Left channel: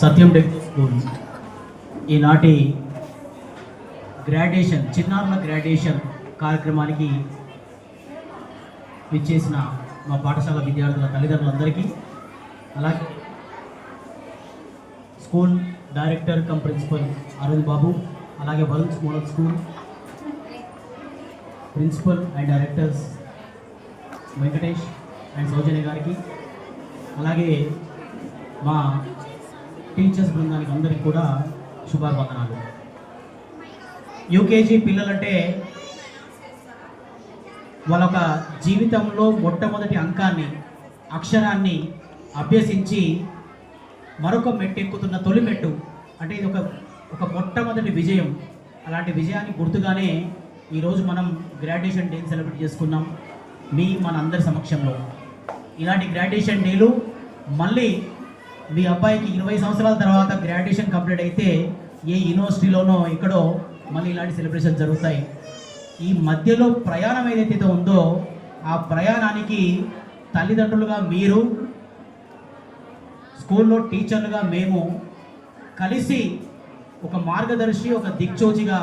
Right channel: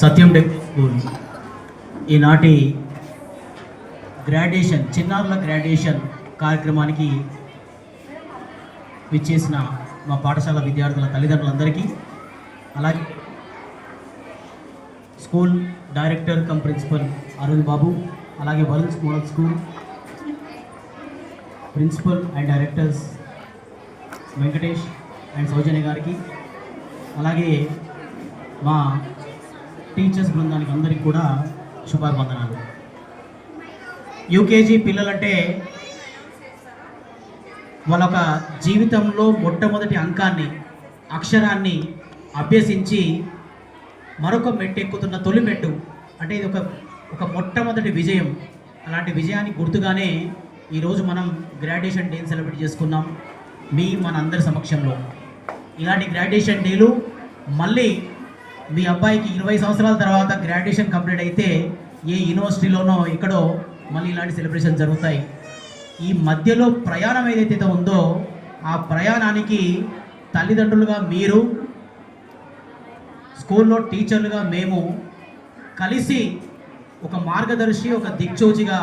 సత్యం tech school ఈనాటి graduation చిన్నారుల graduation కార్యక్రమానికి విచ్చేసిన మా పాఠశాల విద్యార్థుల తల్లిదండ్రులందరికీ, అలాగే school director cum principal Arun Babu, అలాగే Varun model school principal and directors Venkatesh and Soujanya గారికి, అలాగే మా టీచర్స్ బృందానికి అందరికీ కూడా శుభాకాంక్షలు. యూకేజీ పిల్లలంటే వాళ్ళొక జీవితంలో మొట్టమొదటి అంకాన్ని, అక్షరాన్ని అభ్యసించి మరొక మెట్టు ఎక్కుతున్న తొలి మెట్టు అంటే ఇది ఒక మొట్టమొదటి విజయం. అలాంటి విజయానికి గుర్తుగానే ఈరోజు మనం గ్రాడ్యుయేషన్ డేని సెలబ్రేట్ చేసుకున్నాం మన అందరి సమక్షంలో. ఇలాంటి గ్రాడ్యుయేషన్ డేలు మళ్ళీ మీ అబ్బాయికి 20 సంవత్సరాల తర్వాత గ్రాడ్యుయేషన్ కంప్లీట్ అయితే ఏ యూనివర్సిటీలోనో ఎక్కడో మళ్ళీ ఇలాంటి సెలబ్రేషన్ జరుగుతాయి. ఈ మధ్యలో ప్రయాణం ఏదైతే ఉందో ఆ ప్రయాణానికి తల్లిదండ్రులుగా మీరు, స్కూల్లో టీచర్లుగా మేము కలిసి ఒక మార్గదర్శి, ఒక దిక్చోచిగా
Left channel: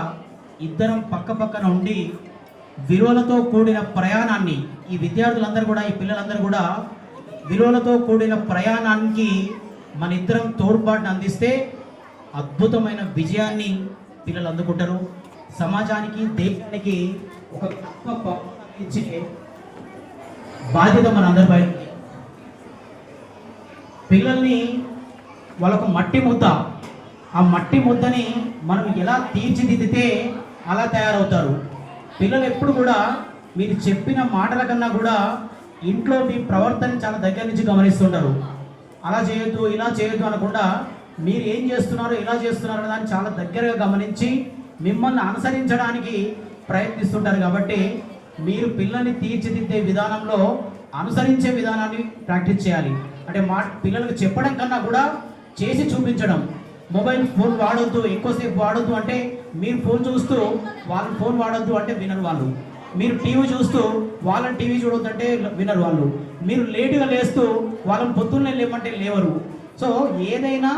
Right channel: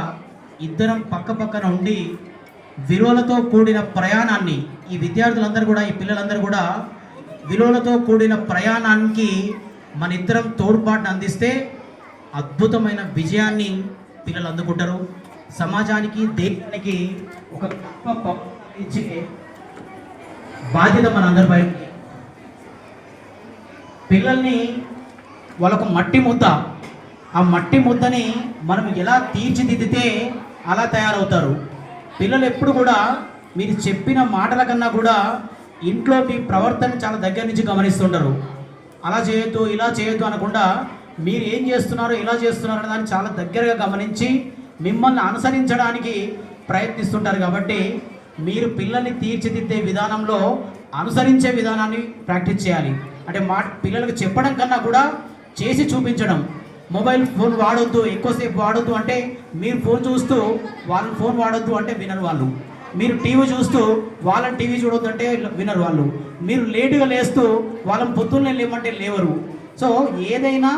ఇద్దరం పక్క పక్కన ఉండి విలువలతో కూడిన ప్రయాణాన్ని, ఈ విద్యార్థులందరూ కూడా, ఈ పిల్లలందరూ కూడా విలువలతో కూడిన ప్రయాణానికి మన ఇద్దరం తోడ్పాటును అందిస్తే అద్భుతమైన విజయాన్ని పిల్లలు అందుకుంటారు. సమాజానికి, దేశానికి ఒక గొప్ప ఇచ్చే బాధ్యత మన అందరిపై. పిల్లల్ని వాళ్ళకు మట్టి ముద్ద, ఆ మట్టి ముద్దని మనం ఎలా తీర్చిదిద్దితే అలా తయారవుతారు. పిల్లలు ఎప్పుడు కూడా మీరు చెప్పిన మాటల కన్నా కూడా ఇంట్లో మీ ప్రవర్తన చాలా దగ్గర నుంచి గమనిస్తుంటారు. అలా చేయొద్దు, ఇలా చేయొద్దు అనకుండా మీరు ఏం చేస్తున్నారో, ఇలా చేస్తున్నారో అనే దాన్ని చాలా దగ్గరగా గమనించి మిమ్మల్ని అనుసరించడానికి ప్రయత్నిస్తుంటారు. కాబట్టి మీరు పిల్లల్ని తీర్చిదిద్దే విధానంలో అనుసరించే విధానాన్ని ప్రాక్టీస్ చేయాలి. అంటే పిల్లలకు చెప్పడం కన్నా కూడా చేసి చూపించడం. మొబైల్ ఫోన్ వాడొద్దు, ఎక్కువసేపు వాడొద్దు అంటే మీరు ఫోన్ చూస్తూ వాళ్ళని ఫోన్ వాడొద్దు అంటే వినరు వాళ్ళు. మీరు టీవీ చూస్తూ వాళ్ళని టీవీ చూడొద్దు అంటే వినరు వాళ్ళు. మీరు లేటుగా లేస్తూ వాళ్ళని పొద్దున్నే లేమంటే లేవరు. సో ఏదైనా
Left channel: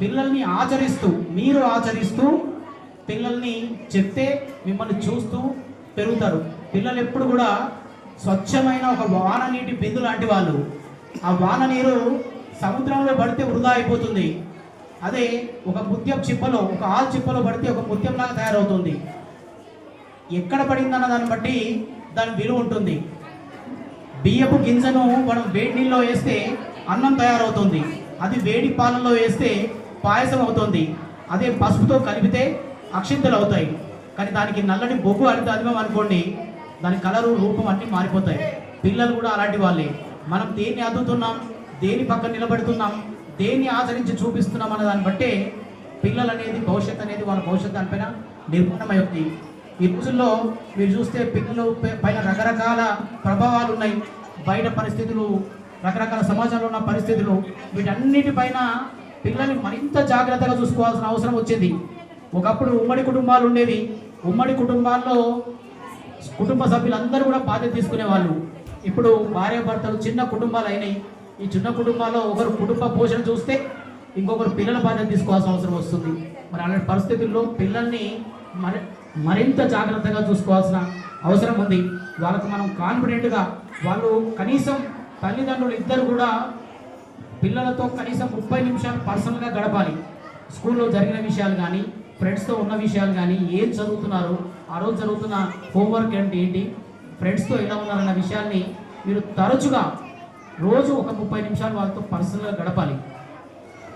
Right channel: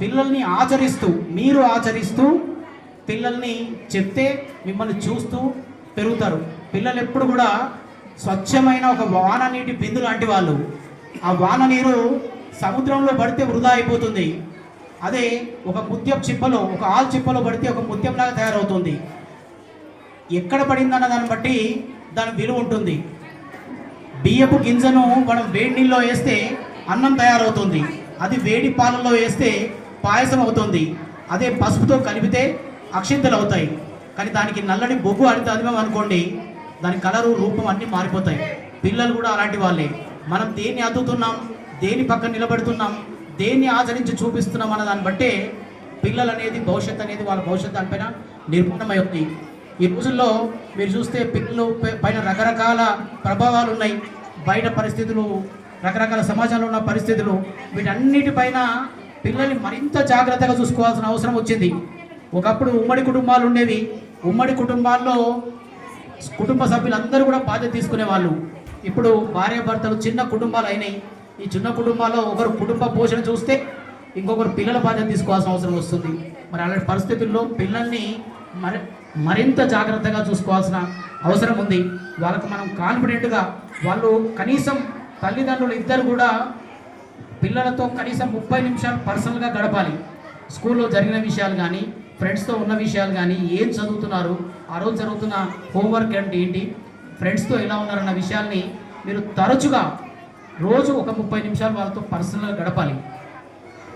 పిల్లల్ని ఆచరిస్తూ, మీరు ఆచరిస్తూ పిల్లల్ని చెప్తే మిమ్మల్ని చూస్తూ పెరుగుతారు. పిల్లలు ఎప్పుడు కూడా స్వచ్ఛమైన ఒక వాన నీటి బిందు లాంటి వాళ్ళు. ఆ వాన నీరు సముద్రంలో పడితే వృధా అయిపోతుంది. అదే ఒక ముత్యం చిప్పలో, ఒక ఆల్ చిప్పలో పడితే ఒక ముత్యంలాగా తయారవుతుంది. ఎక్కడ పడిందన్న దాన్ని బట్టి దాని విలువ ఉంటుంది. బియ్యపు గింజను మనం వేడి నీళ్ళలో వేస్తే అన్నం తయారవుతుంది. అది వేడి పాలల్లో వేస్తే పాయసం అవుతుంది. అదే పసుపుతో కలిపితే అక్షింతలు అవుతాయి. కానీ దానికి నల్లని బొగ్గు అరితాదిమం అనుకోండి, దాని కలరు, రూపం అన్నీ మారిపోతాయి. పిల్లలు కూడా అలాంటి వాళ్ళే. మనం దేన్ని అద్దుతున్నాం, దేని పక్కన నిలబడుతున్నాం, దేన్ని ఆచరించి చూపిస్తున్నాం అన్న దాన్ని బట్టే పిల్లలు అనేది, భవిష్యత్తు అనేది, వాళ్ళ భవిష్యత్తు దానిపైన నిర్మాణమై ఉంది. ఈ రోజుల్లో మీరు చూస్తే పిల్లలు పైన రకరకాల ప్రభావాలు ఉన్నాయి. బయట పరిస్థితులు, రకరకాల సమాజంలో ఉన్న పరిస్థితులు, వీటన్నిటిపైన పిల్లల్ని మరింత జాగ్రత్తగా చూసుకోవాల్సిన అవసరం వచ్చింది. ఒకప్పుడు ఉమ్మడి కుటుంబాలు ఉండేవి. ఉమ్మడి కుటుంబాల్లో కుటుంబ సభ్యులందరూ కూడా బాధ్యత తీసుకునేవాళ్ళు. ఇప్పుడు భార్యాభర్తలు చిన్న కుటుంబాలు అయినాయి. ఈ చిన్న కుటుంబాల్లో ఒకరు కుటుంబ పోషణ చూస్తే ఇంకొకరు పిల్లల బాధ్యత తీసుకోవాల్సిన అవసరం వస్తుంది. మరి అలాంటి పరిస్థితుల్లో పిల్లల్ని మరింత జాగ్రత్తగా చూసుకోవాల్సిన అవసరం ఉంది. వాళ్ళకు మనం కాన్ఫిడెంట్గా, వాళ్ళు కనీసం తల్లిదండ్రులు ఇద్దరు కూడా పిల్లలతో కనీసం 30 నిమిషాలు పర్సనల్గా గడపాలి. స్కూల్లో జరిగిన విషయాలు కానీ, ఫ్రెండ్స్తో ఉన్న విషయాలు కానీ, ఏం చదువుతున్నారు, ఆ రోజు జరుగుతున్న హోంవర్క్ అంటే ఏంటి, ఫ్రెండ్స్తో ఎలా ఉన్నారన్న విషయాల్ని మీరు తరచుగా రోజు ఒక 30 నిమిషాలు వాళ్ళతో పర్సనల్గా గడపాలి.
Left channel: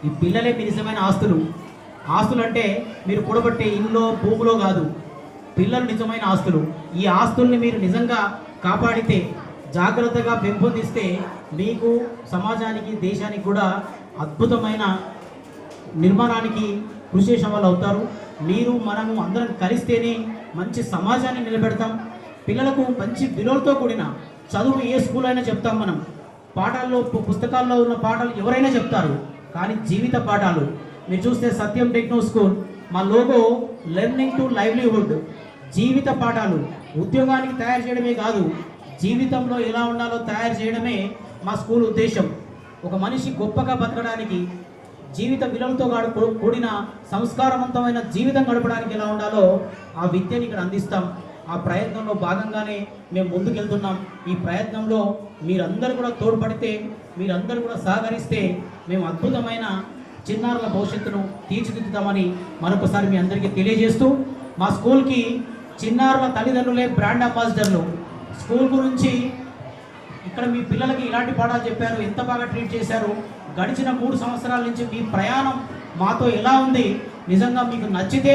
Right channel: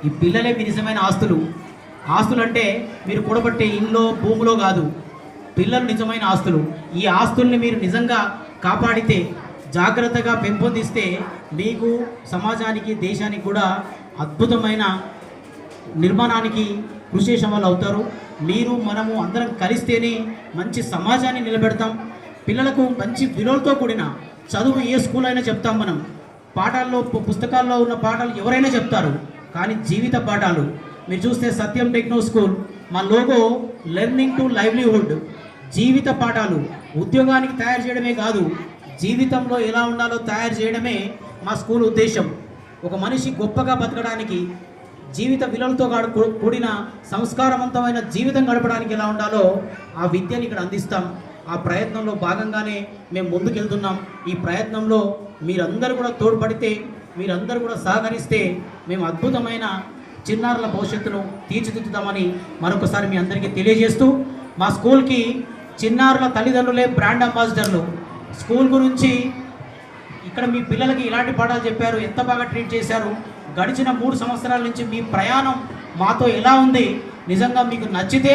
ఈ పిల్లలే మీ నిజమైన ఆస్తులు. ఆస్తులు అంటే మీరు కూడబట్టే ఇల్లు, భూమిలో కాదు, పిల్లలు నిజమైన ఆస్తులు. ఈ ఆస్తుల్ని మీరు నిజంగా కాపాడితే, జాగ్రత్తగా పెంపొందిస్తే మీకు, సమాజానికి, దేశానికి కూడా అద్భుతమైన నిర్మాణానికి కృషి చేసే వాళ్ళు అవుతారు. మీరు, మనము అందరం కలిస్తేనే మంచి సమాజాన్ని నిలబెడతాం. పిల్లలకు మంచి విలువలతో కూడిన చదువు ఏ స్కూల్ అయినా చెప్తాం మనం. పాఠాల్లో, పుస్తకాల్లో ఉన్న పాఠాలు ఎవరైనా చెప్తారు, కానీ జీవిత పాఠాలు మీరు చూస్తే సత్యం టెక్నో స్కూల్ మా లోగో లెర్నింగ్ టు లైవ్లీహుడ్. జీవిత పాఠాలు ఉద్యోగానికి తయారు చేయడమే కాదు, జీవితంలో ఎలా ఉండాలో తయారు చేయడమే మా స్కూల్ ఉద్దేశం. ఒక మనిషి గొప్పగా బతకడానికి, జీవిత విలువలతో కూడిన సంస్కారవంతమైన జీవితం గడపడానికి ఎలా ఉండాలో ఆ విద్యని ఇక్కడ అందిస్తాం. ఆ ప్రయత్నంలో భాగంగానే మేము ముందుకెళ్తున్నాం. ఈ ప్రయత్నంలో మీరందరూ కూడా తోడ్పడితే, మీరందరూ కూడా సహకరిస్తే మేము అద్భుతమైన చిన్నారుల భవిష్యత్తును తీర్చిదిద్దుతామని మరొకసారి మీ అందరికీ తెలియజేస్తూ, మా స్కూల్కి చిన్నారుల తల్లిదండ్రులే బ్రాండ్ అంబాసిడర్లు. స్కూల్ గురించి ఇక్కడ మీ పిల్లలకి ఇలాంటి పాఠాలు చెప్పారు, ఎంత బాగా ట్రీట్ చేశారు, గడిచిన 3 సంవత్సరాల నుంచి మీ ప్రయాణం మాతో ఎలా ఉంది, నిజంగా మీకు నచ్చితే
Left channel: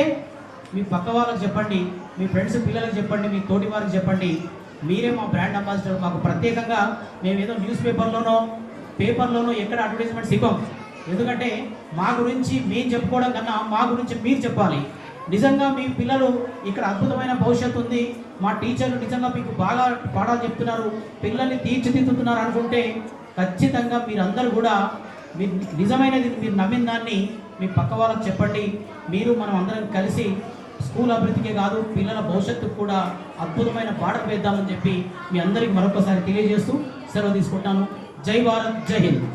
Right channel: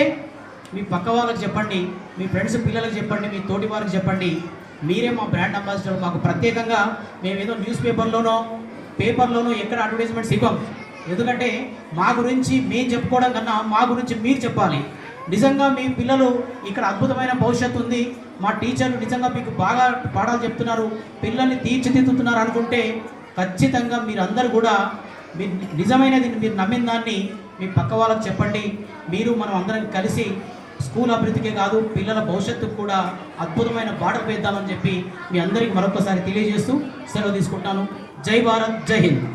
మీ పక్క వాళ్ళకి చెప్పండి, మీ ఫ్రెండ్స్ పిల్లలకు చెప్పండి, మీ తోటి వారికి చెప్పండి. మీరే మా బ్రాండ్ అంబాసిడర్. మాకు ప్రత్యేకంగా మేము ఏదో న్యూస్ పేపర్లోనో ఎక్కడ అడ్వర్టైజ్మెంట్స్ ఇవ్వం. ఎందుకంటే మా గురించి మేము చెప్పుకోవడం కన్నా మా గురించి మీరు చెప్పాలి. నిజంగా మీ పిల్లలు ఇక్కడ అద్భుతమైన భవిష్యత్తు ఉంది, మా టీచర్లు నిజంగా మీకు బాగా పాఠాలు చెప్తున్నారు, పిల్లల్ని తీర్చిదిద్దుతున్నారు అనుకుంటే ఖచ్చితంగా మీరందరూ కూడా మీరు నిజమైనది మీరు నమ్మిన దాన్ని మీ పక్క వాళ్ళకి చెప్పండి. మీరు మనం అందరం కలిసి స్కూల్ అభివృద్ధికే కాదు పిల్లల భవిష్యత్తుకు కూడా అద్భుతమైన బాటలు వేద్దామని చెప్పి మీ అందరికీ మరొకసారి తెలియజేస్తూ సెలవు తీసుకుంటాను. జై భారత్, జై హింద్.